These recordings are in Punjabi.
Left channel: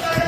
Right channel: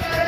Yeah.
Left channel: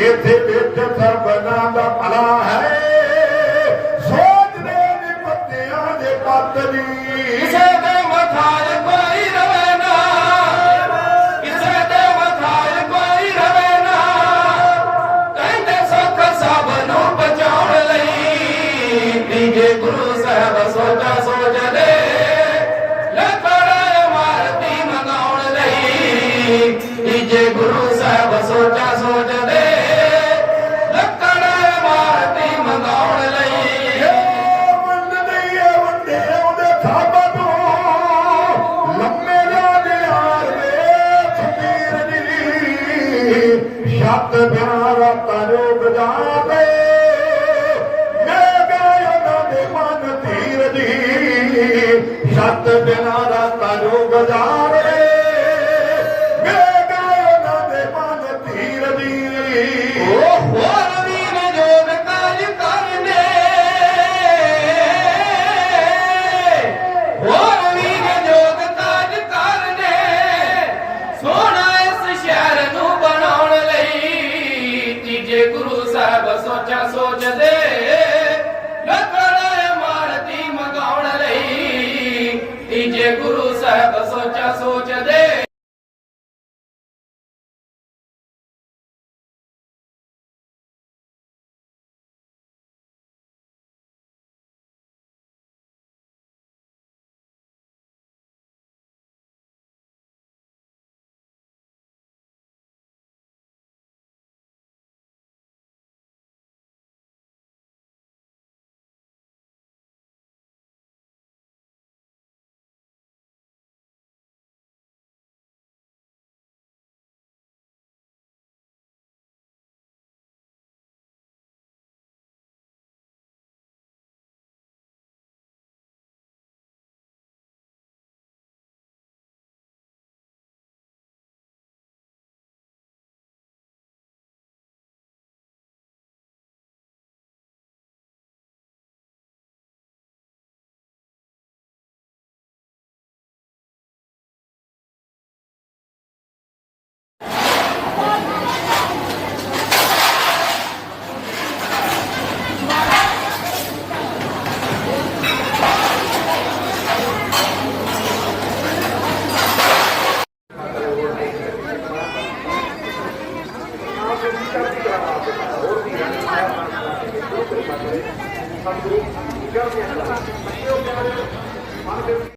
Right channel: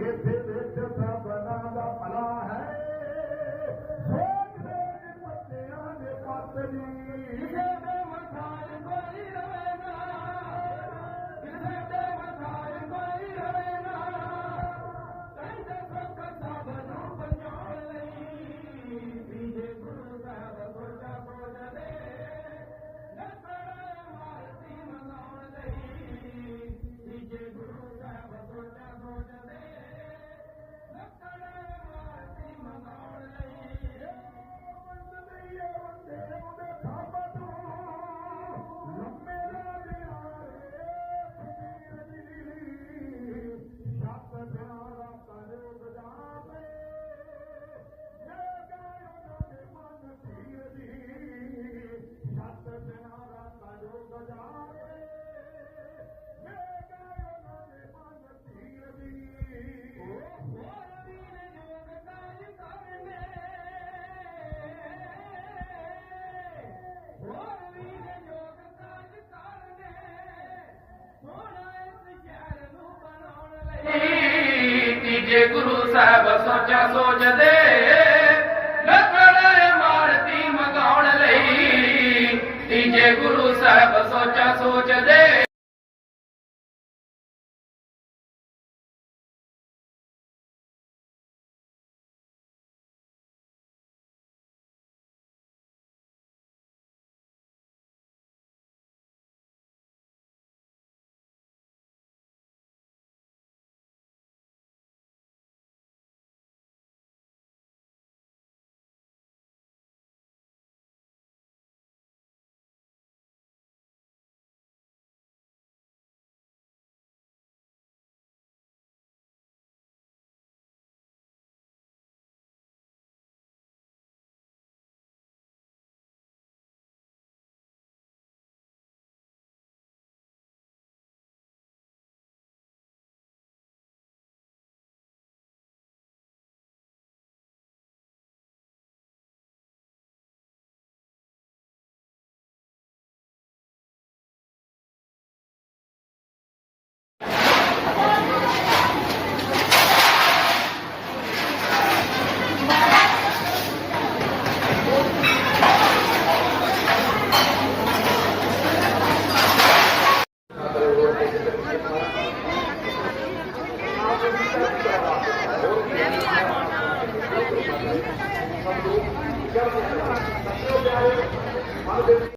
Yeter beter bana da ਸਾਹਿਬ ਸੋਚਾ ਸੋਚਦੇ ਲੱਕੜ ਮਾਰਤੀ ਮਗਾਉਣ ਲਈ ਤੀਜੇ ਗੁਰੂ ਸਾਹਿਬ ਸਤਿਗੁਰੂ ਕਰਦੇ ਹਨ